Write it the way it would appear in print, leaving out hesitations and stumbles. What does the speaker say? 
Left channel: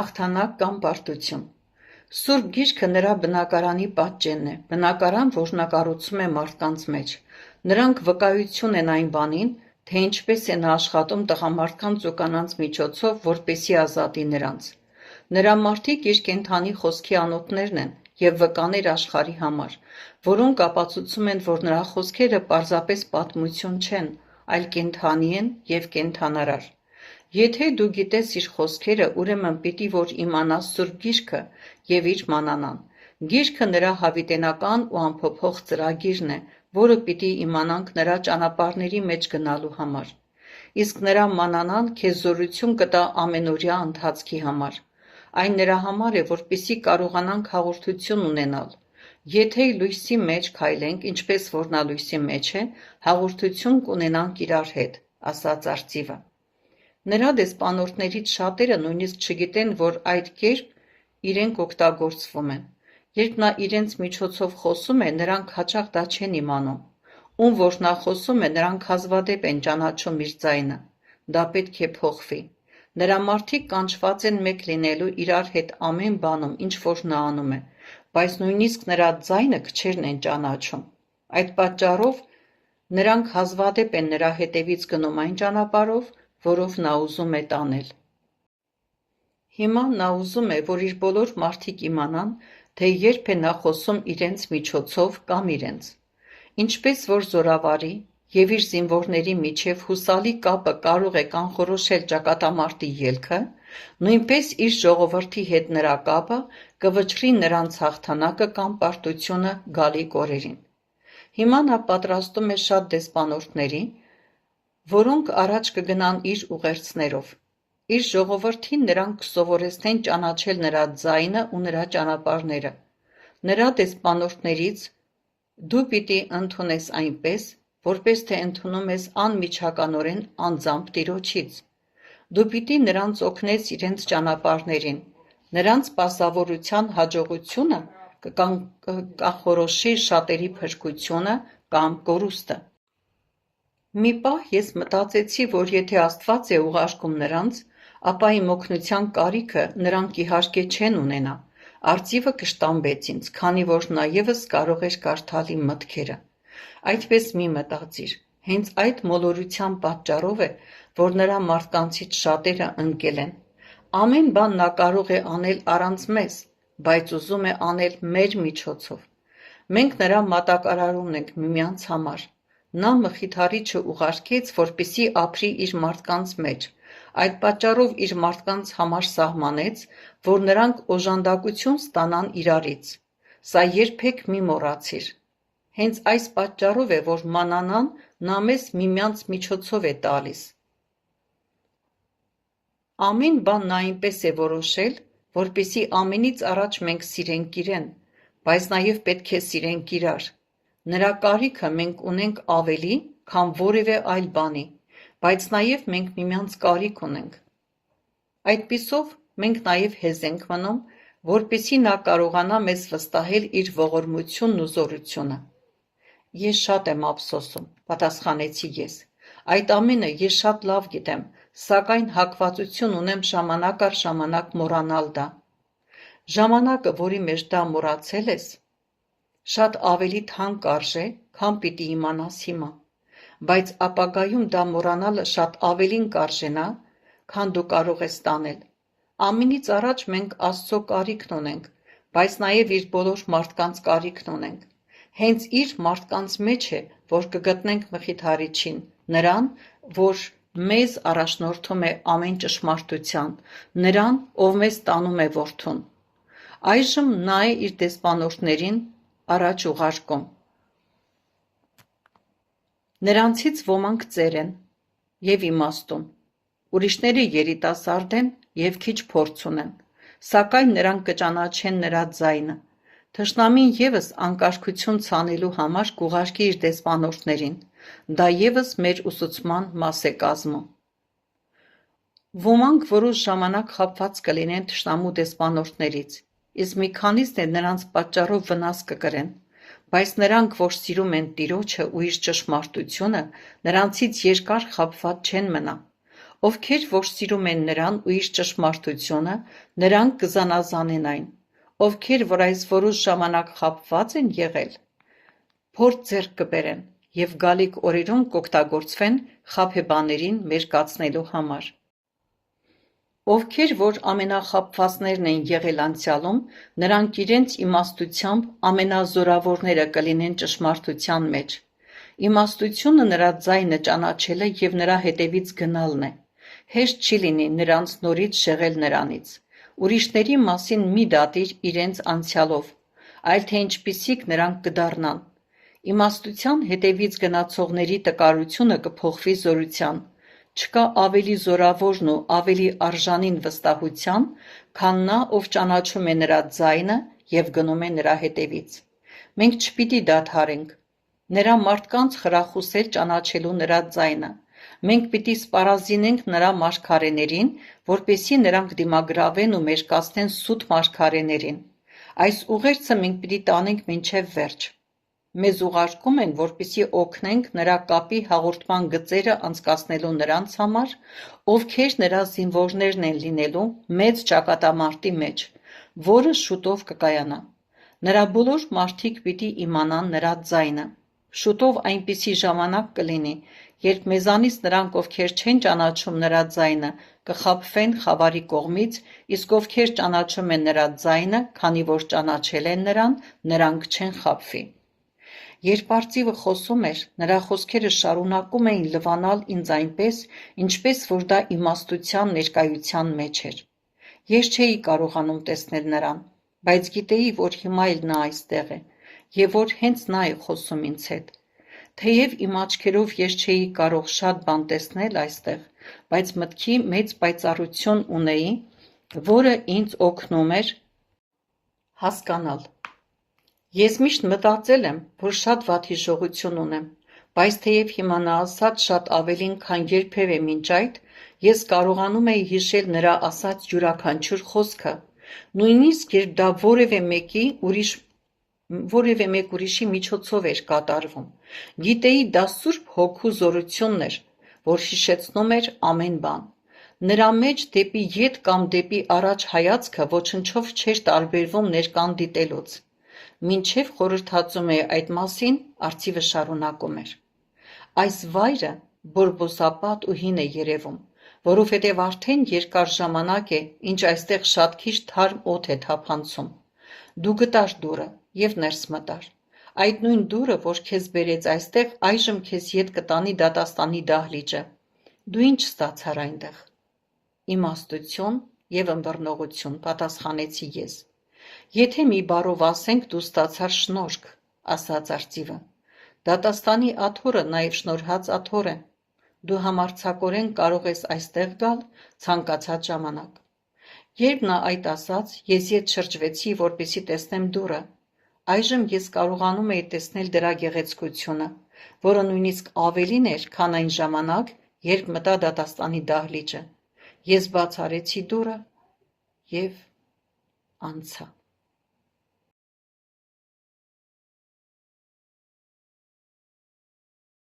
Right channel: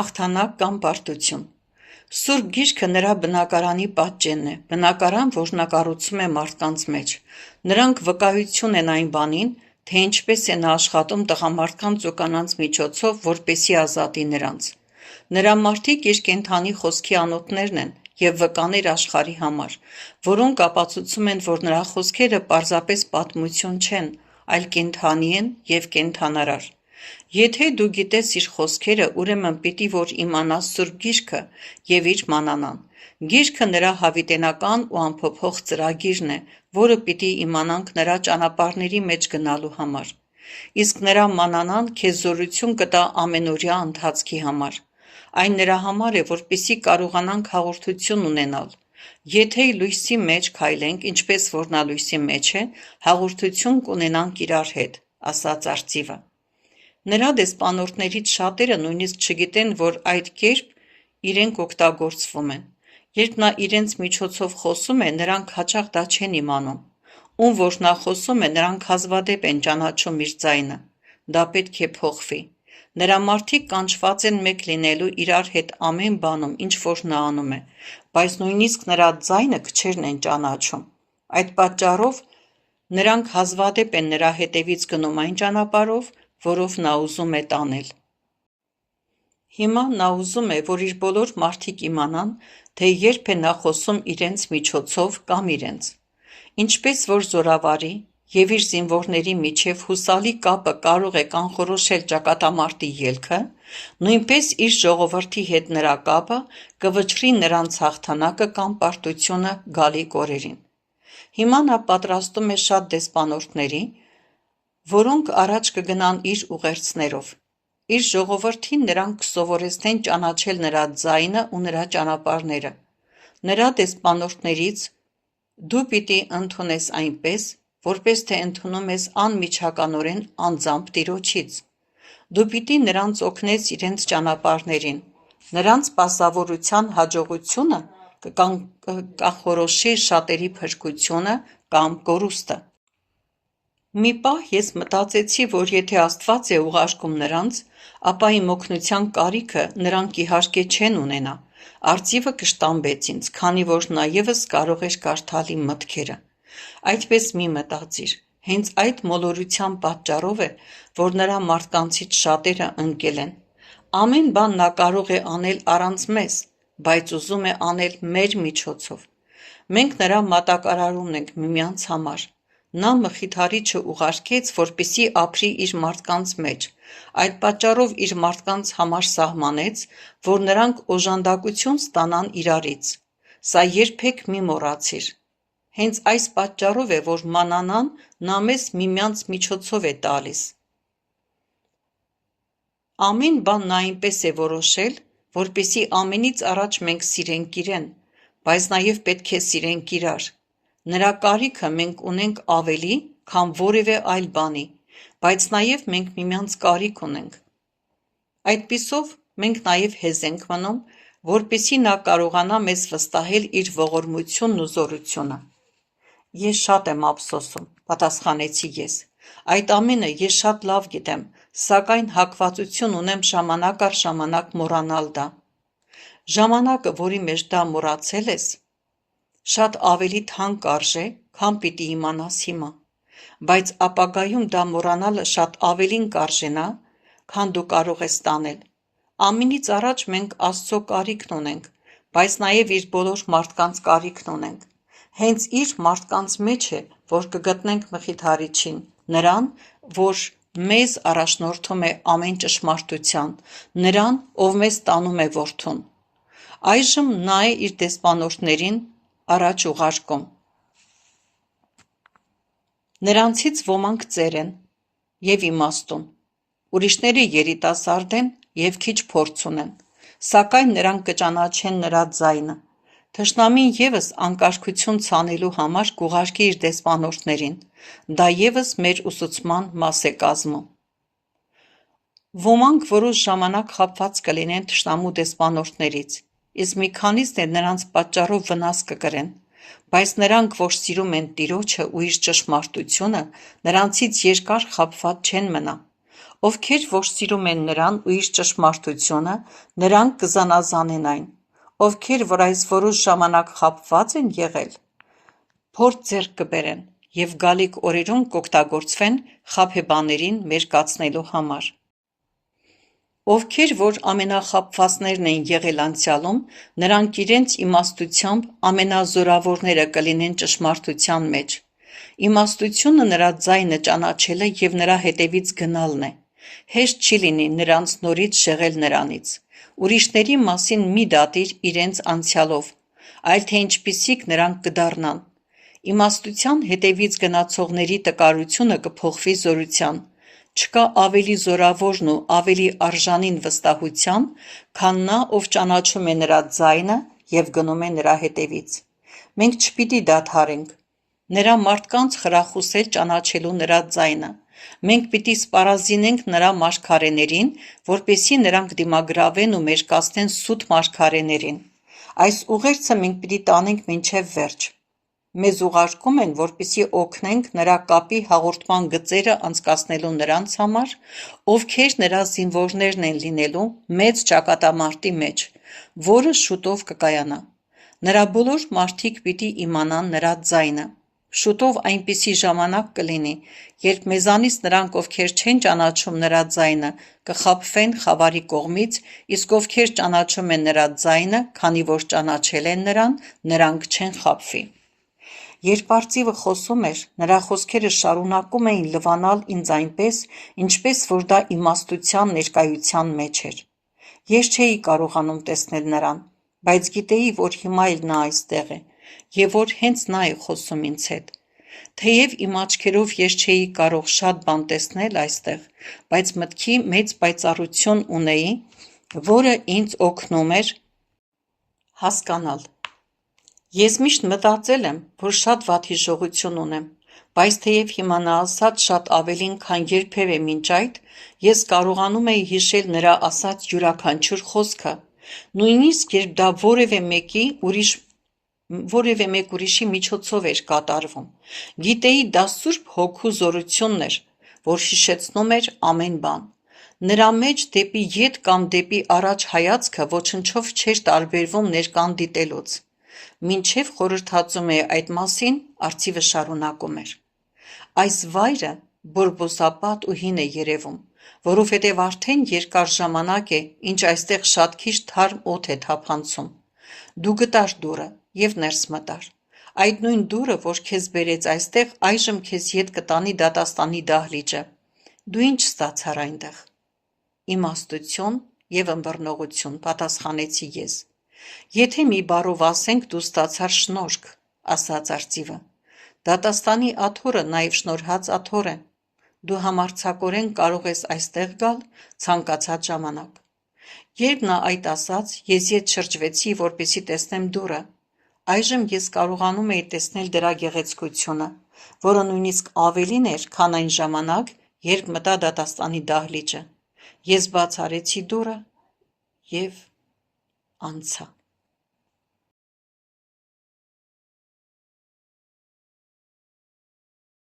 հաղթանակ կամ պարտություն։ Սուրբ գիրքը նրա բնակարանի պատճենն է, բնակարան, որ նա կառուցում է մարդկանց մեջ։ Նրանք վկայություն են այն բանին, թե ինչպես է նա աշխատում տղամարդկանց ու կանանց միջոցով, որպեսզի ազատի նրանց։ Նրա մարդիկ իր կենդանի խոսքի անոթներն են և վկաներ աշխարհի համար, որոնք ապացուցում են, որ նրա խոսքերը պարզապես պատմություն չեն, այլ կենդանի են և կենդանարար։ Եթե դու գիտես իր խոսքերը, ուրեմն պիտի որ իմանաս Սուրբ Գիրքը և իր մանանան։ Գիրքը նրա հավիտենական ու անփոփոխ ծրագիրն է, որը պիտի իմանանք նրա ճանապարհների մեջ գնալու համար։ Իսկ նրա մանանան քեզ զորություն կտա ամենօրյա ընթացքի համար։ Այն նրա համար է, որպեսզի կարողանանք հաղորդություն ունենալ։ Եթե լույսի մեջ քայլենք, ինչպես որ նա լույսի մեջ է, հաղորդություն կունենանք իրար հետ, ասաց արծիվը։ Նրա դեսպանորդներից շատերը նույնիսկ չգիտեն, որ այդ կերպ իրենք օգտագործվում են։ Երբ նա իրենց միջոցով խոսում է, նրանք հաճախ դա չեն իմանում։ Ում որ նա խոսում է, նրանք հազվադեպ են ճանաչում իր ձայնը։ Դա պետք է փոխվի։ Նրա մարդիկ կանչված են մեկ լինելու իրար հետ ամեն բանում, ինչ որ նա անում է, բայց նույնիսկ նրա ձայնը քչերն են ճանաչում։ Այդ պատճառով նրանք հազվադեպ են նրա հետևից գնում այն ճանապարհով, որով նա ուզում է տանել։ Հիմա նա ուզում է, որ իր բոլոր մարդիկ իմանան, թե երբ է նա խոսում իրենց միջոցով կամ իրենց։ Ինչպես որ զորավարի և իր զինվորների միջև հուսալի կապը կարող է կանխորոշել ճակատամարտի ելքը, նույնպես իր ժողովրդի հետ նրա կապը կվճռի նրանց հաղթանակը կամ պարտությունը գալիք օրերին։ Հիմա նա պատրաստում է շատ դեսպանորդների, որոնք առաջ կգնան իր ուղերձներով։ Իր ժողովրդին նրանք կսովորեցնեն ճանաչել նրա ձայնը ու նրա ճանապարհները։ Նրա դեսպանորդներից դու պիտի ընդունես այնպես, որպես թե ընդունում ես անմիջականորեն անձամբ Տիրոջից։ Դու պիտի նրանց օգնես իրենց ճանապարհներին։ Նրանց սպասավորության հաջողությունը կկանխորոշի շատերի փրկությունը կամ կորուստը։ Մի պահ ես մտածեցի, որ եթե Աստված է ուղարկում նրանց, ապա իմ օգնության կարիքը նրանք իհարկե չեն ունենա։ Արծիվը կշտամբեց ինձ, քանի որ նա ևս կարող էր կարդալ իմ մտքերը։ Այդպես մի մտածիր։ Հենց այդ մոլորության պատճառով է, որ նրա մարդկանցից շատերը ընկել են։ Ամեն բան նա կարող է անել առանց մեզ, բայց ուզում է անել մեր միջոցով։ Մենք նրա մատակարարումն ենք միմյանց համար։ Նա Մխիթարիչը ուղարկեց, որպեսզի ապրի իր մարդկանց մեջ։ Այդ պատճառով իր մարդկանց համար սահմանեց, որ նրանք օժանդակություն ստանան իրարից։ Սա երբեք մի մոռացիր։ Հենց այս պատճառով է, որ մանանան նա մեզ միմյանց միջոցով է տալիս։ Ամեն բան նա այնպես է որոշել, որպեսզի ամենից առաջ մենք սիրենք իրեն, բայց նաև պետք է սիրենք իրար։ Նրա կարիքը մենք ունենք ավելի, քան որևէ այլ բանի, բայց նաև մենք միմյանց կարիք ունենք։ Այդպիսով մենք նաև հեզ ենք մնում, որպեսզի նա կարողանա մեզ վստահել իր ողորմությունն ու զորությունը։ Ես շատ եմ ափսոսում, պատասխանեցի ես։ Այդ ամենը ես շատ լավ գիտեմ, սակայն հակվածություն ունեմ ժամանակ առ ժամանակ մոռանալ դա։ Ժամանակը, որի մեջ դա մոռացել ես, շատ ավելի թանկ արժե, քան պիտի իմանաս հիմա, բայց ապագայում դա մոռանալը շատ ավելին կարժենա, քան դու կարող ես տանել։ Ամենից առաջ մենք Աստծո կարիքն ունենք, բայց նաև իր բոլոր մարդկանց կարիքն ունենք։ Հենց իր մարդկանց մեջ է, որ կգտնենք Մխիթարիչին, նրան, որ մեզ առաջնորդում է ամեն ճշմարտության, նրան, ով մեզ տանում է որդուն։ Այժմ նա է իր դեսպանորդներին առաջ ուղարկում։ Նրանցից ոմանք ծեր են և իմաստուն, ուրիշները երիտասարդ են և քիչ փորձ ունեն, սակայն նրանք կճանաչեն նրա ձայնը։ Թշնամին ևս անկարգություն ցանելու համար կուղարկի իր դեսպանորդներին, դա ևս մեր ուսուցման մաս է կազմում։ Ոմանք որոշ ժամանակ խաբված կլինեն թշնամու դեսպանորդներից, իսկ մի քանիսն էլ նրանց պատճառով վնաս կկրեն, բայց նրանք, որ սիրում են Տիրոջը ու իր ճշմարտությունը, նրանցից երկար խաբված չեն մնա։ Ովքեր որ սիրում են նրան ու իր ճշմարտությունը, նրանք կզանազանեն այն, ովքեր որ այս որոշ ժամանակ խաբված են եղել, փորձ ձեռք կբերեն և գալիք օրերում կօգտագործվեն խաբեբաներին մերկացնելու համար։ Ովքեր որ ամենախաբվածներն են եղել անցյալում, նրանք իրենց իմաստությամբ ամենազորավորները կլինեն ճշմարտության մեջ։ Իմաստությունը նրա ձայնը ճանաչելը և նրա հետևից գնալն է։ Հեշտ չի լինի նրանց նորից շեղել նրանից։ Ուրիշների մասին մի դատիր իրենց անցյալով, այլ թե ինչպիսիք նրանք կդառնան։ Իմաստության հետևից գնացողների տկարությունը կփոխվի զորության։ Չկա ավելի զորավորն ու ավելի արժանին վստահության, քան նա, ով ճանաչում է նրա ձայնը և գնում է նրա հետևից։ Մենք չպիտի դադարենք նրա մարդկանց խրախուսել ճանաչելու նրա ձայնը։ Մենք պիտի սպառազինենք նրա մարգարեներին, որպեսզի նրանք դիմագրավեն ու մերկացնեն սուտ մարգարեներին։ Այս ուղերձը մենք պիտի տանենք մինչև վերջ։ Մեզ ուղարկում են, որպեսզի օգնենք նրա կապի հաղորդման գծերը անցկացնելու նրանց համար, ովքեր նրա զինվորներն են լինելու մեծ ճակատամարտի մեջ, որը շուտով կկայանա։ Նրա բոլոր մարդիկ պիտի իմանան նրա ձայնը։ Շուտով այնպիսի ժամանակ կլինի, երբ մեզանից նրանք, ովքեր չեն ճանաչում նրա ձայնը, կխաբվեն խավարի կողմից, իսկ ովքեր ճանաչում են նրա ձայնը, քանի որ ճանաչել են նրան, նրանք չեն խաբվի։ Երբ արծիվը խոսում էր, նրա խոսքերը շարունակում էին լվանալ ինձ այնպես, ինչպես որ դա իմաստության ներկայության մեջ էր։ Ես չէի կարողանում տեսնել նրան, բայց գիտեի, որ հիմա էլ նա այստեղ է, և որ հենց նա է խոսում ինձ հետ։ Թեև իմ աչքերով ես չէի կարող շատ բան տեսնել այստեղ, բայց մտքի մեծ պայծառություն ունեի, որը ինձ օգնում էր հասկանալ։ Ես միշտ մտածել եմ, որ շատ վատ հիշողություն ունեմ, բայց թեև հիմա նա ասաց շատ ավելին, քան երբևէ մինչ այդ, ես կարողանում էի հիշել նրա ասած յուրաքանչյուր խոսքը, նույնիսկ երբ դա որևէ մեկ ուրիշի միջոցով էր կատարվում։ Գիտեի, դա Սուրբ Հոգու զորությունն էր, որ հիշեցնում էր ամեն բան։ Նրա մեջ դեպի ետ կամ դեպի առաջ հայացքը ոչնչով չէր տարբերվում ներկան դիտելուց։ Մինչև խորհրդածում էի այդ մասին, արծիվը շարունակում էր. Այս վայրը բորբոսապատ ու հին է երևում, որովհետև արդեն երկար ժամանակ է, ինչ այստեղ շատ քիչ թարմ օդ է թափանցում։ Դու գտար դուռը և ներս մտար։ Այդ նույն դուռը, որ քեզ բերեց այստեղ, այժմ քեզ ետ կտանի դատաստանի դահլիճը։ Դու ինչ ստացար այնտեղ։ Իմաստություն և ըմբռնողություն, պատասխանեցի ես։ Եթե մի բառով ասենք, դու ստացար շնորհք, ասաց արծիվը։ Դատաստանի աթոռը նաև շնորհած աթոռ է։ Դու համարձակորեն կարող ես այստեղ գալ ցանկացած ժամանակ։ Երբ նա այդ ասաց, ես ետ շրջվեցի, որպեսզի տեսնեմ դուռը։ Այժմ ես կարողանում էի տեսնել դրա գեղեցկությունը, որը նույնիսկ ավելին էր, քան այն ժամանակ, երբ մտա դատաստանի դահլիճը։ Ես բաց արեցի դուռը և անցա։